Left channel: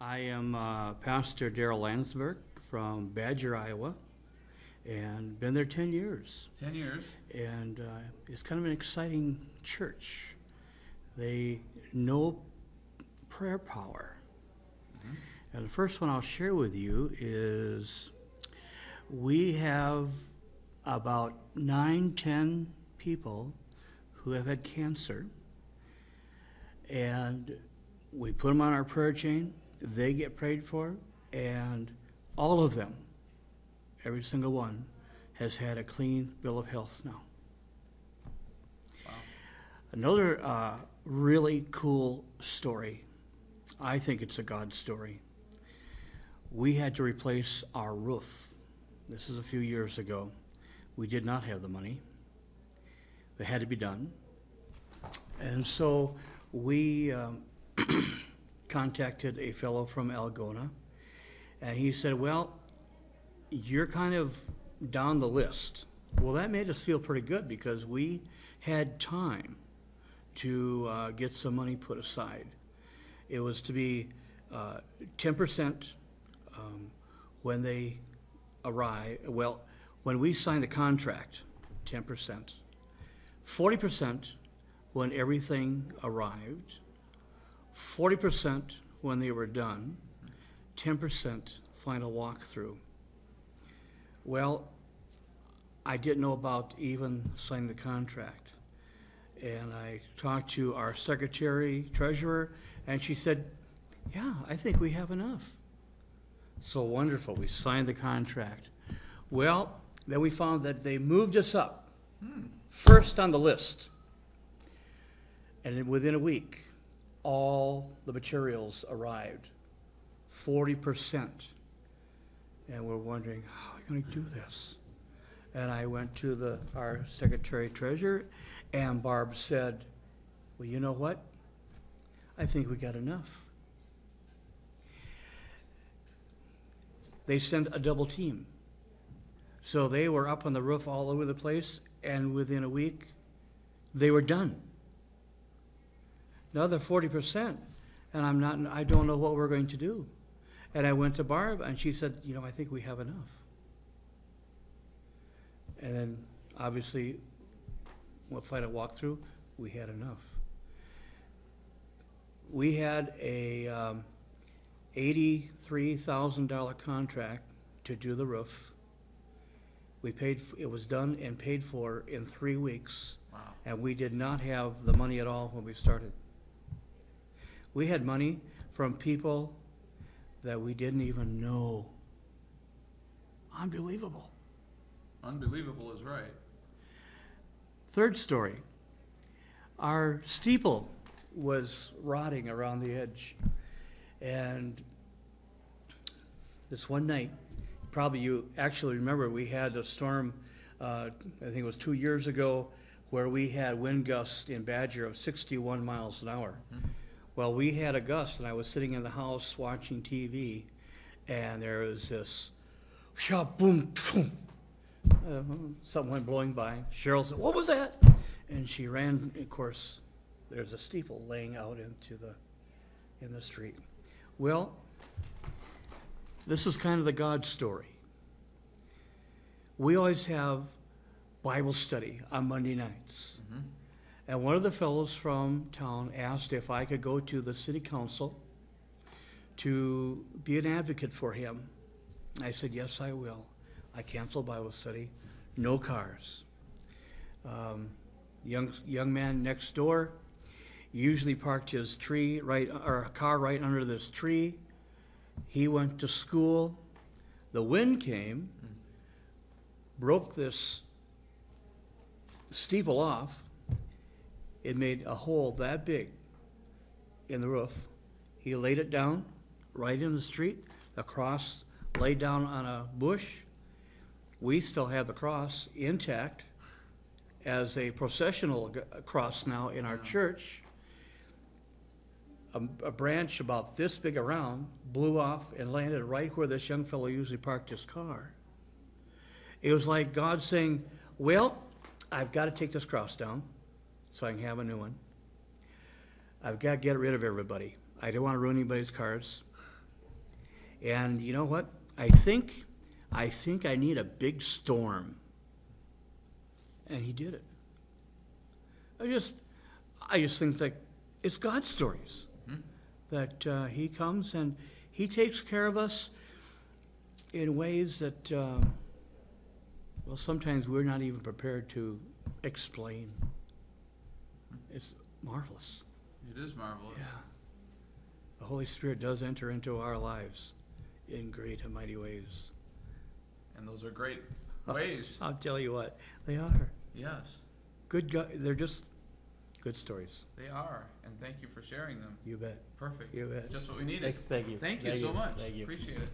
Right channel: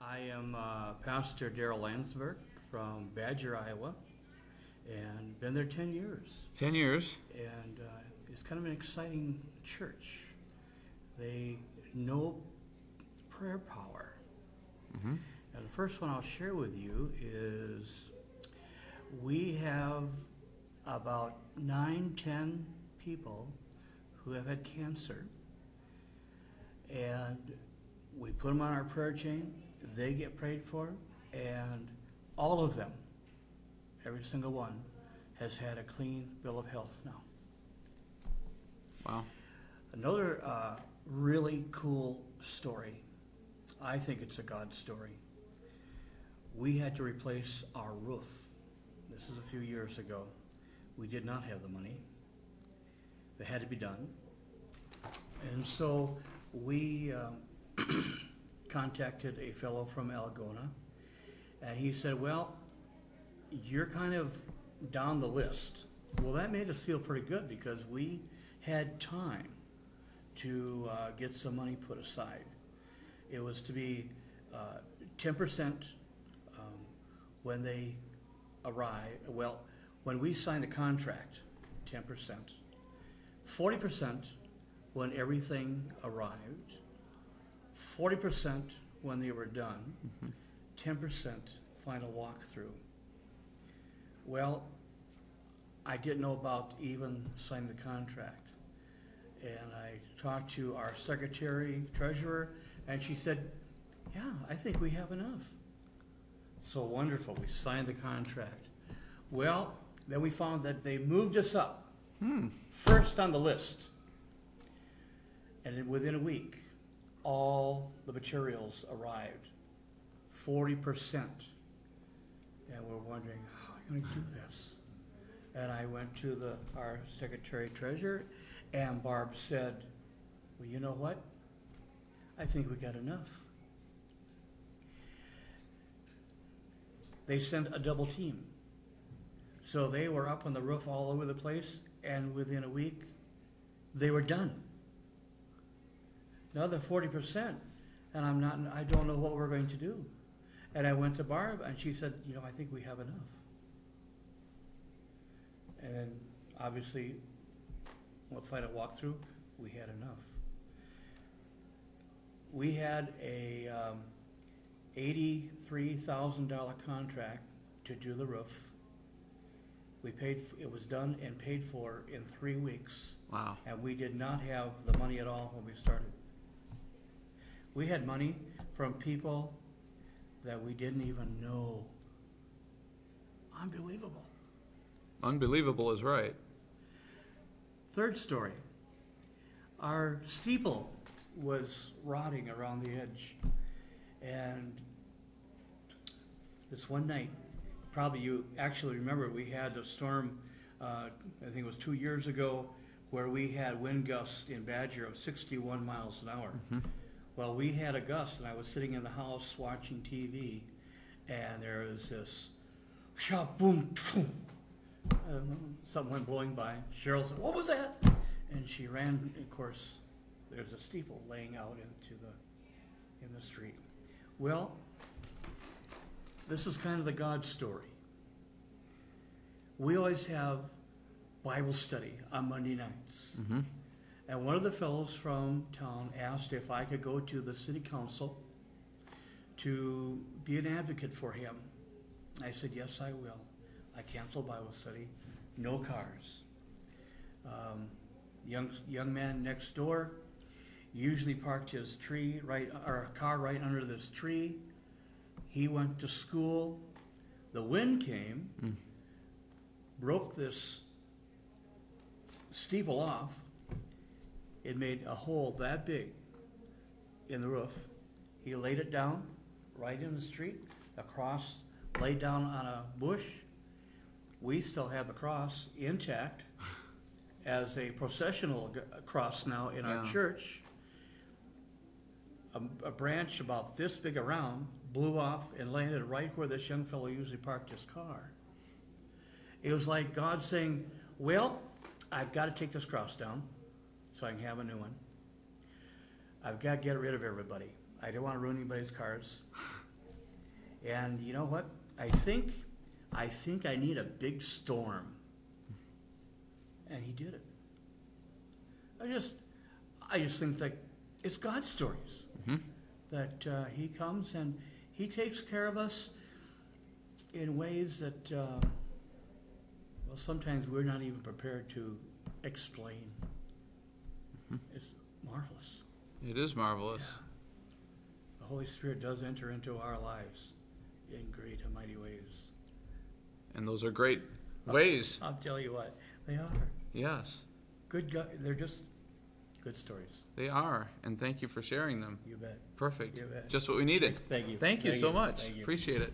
I am Pastor Darryl Landsverk from Badger, Iowa, and been there 10 years. 10 years. And it's kind of an exciting church. They know prayer power. Mm-hmm. And the first one I'll share with you is we have about 9-10 people who have had cancer, and we put them on our prayer chain. They get prayed for, and all of them, every single one, has had a clean bill of health now. Wow. Another really cool story, I think it's a God story. We had to replace our roof. This is a few years ago. We did not have the money. It had to be done. And so we contacted a fellow from Algona, and he said, well, you're kind of down the list. Well, that made us feel pretty good because we had time to get some money put aside. It was to be 10% when they arrive. Well, when we signed the contract, 10%. 40% when everything arrived. 40% when they were done. 10% final walkthrough. Well, I didn't know about even signing the contract. And I talked to our secretary, treasurer, and she said, yeah, I think we have enough. So wonderful. We signed the contract. Well, then we found that they moved us up first on the list. And then within a week, all the materials arrived, 40%. And we're wondering, how are we going to do this? And I went to our secretary treasurer, and Barb said, well, you know what? I think we got enough. They sent a double team. So they were up on the roof all over the place, and within a week, they were done. Another 40%, and I don't know what we're going to do. And I went to Barb, and she said, you know, I think we have enough. And then, obviously, we'll find a walkthrough, we had enough. We had a $83,000 contract to do the roof. We paid. It was done and paid for in 3 weeks. Wow. And we did not have the money at all when we started. We had money from people that we didn't even know. Unbelievable. Unbelievable is right. Third story. Our steeple was rotting around the edge. And this one night, probably you actually remember, we had a storm, I think it was 2 years ago, where we had wind gusts in Badger of 61 miles an hour. Mm-hmm. Well, we had a gust, and I was sitting in the house watching TV, and there was this shop, boom, boom. Something went blowing by. Cheryl said, what was that? And she ran. Of course, there's a steeple laying out in the street. Well, this is kind of the God story. We always have Bible study on Monday nights. Mm-hmm. And one of the fellows from town asked if I could go to the city council to be an advocate for him. I said, yes, I will. I canceled Bible study. No cars. Young man next door usually parked his car right under this tree. He went to school. The wind came, broke this steeple off. It made a hole that big in the roof. He laid it down right in the street, the cross laid down on a bush. We still have the cross intact as a processional cross now in our church. A branch about this big around blew off and landed right where this young fellow usually parked his car. It was like God saying, well, I've got to take this cross down so I can have a new one. I've got to get rid of everybody. I don't want to ruin anybody's cars. And you know what? I think I need a big storm. And he did it. I just think that it's God's stories. Mm-hmm. That he comes and he takes care of us in ways that, well, sometimes we're not even prepared to explain. Mm-hmm. It's marvelous. It is marvelous. Yeah. The Holy Spirit does enter into our lives in great and mighty ways. And those are great ways. I'll tell you what, they are. Yes. Good God, they're just good stories. They are. And thank you for sharing them. You bet. Perfect. You bet. Just what we needed. Thank you. Thank you so much. Thank you. Appreciate it.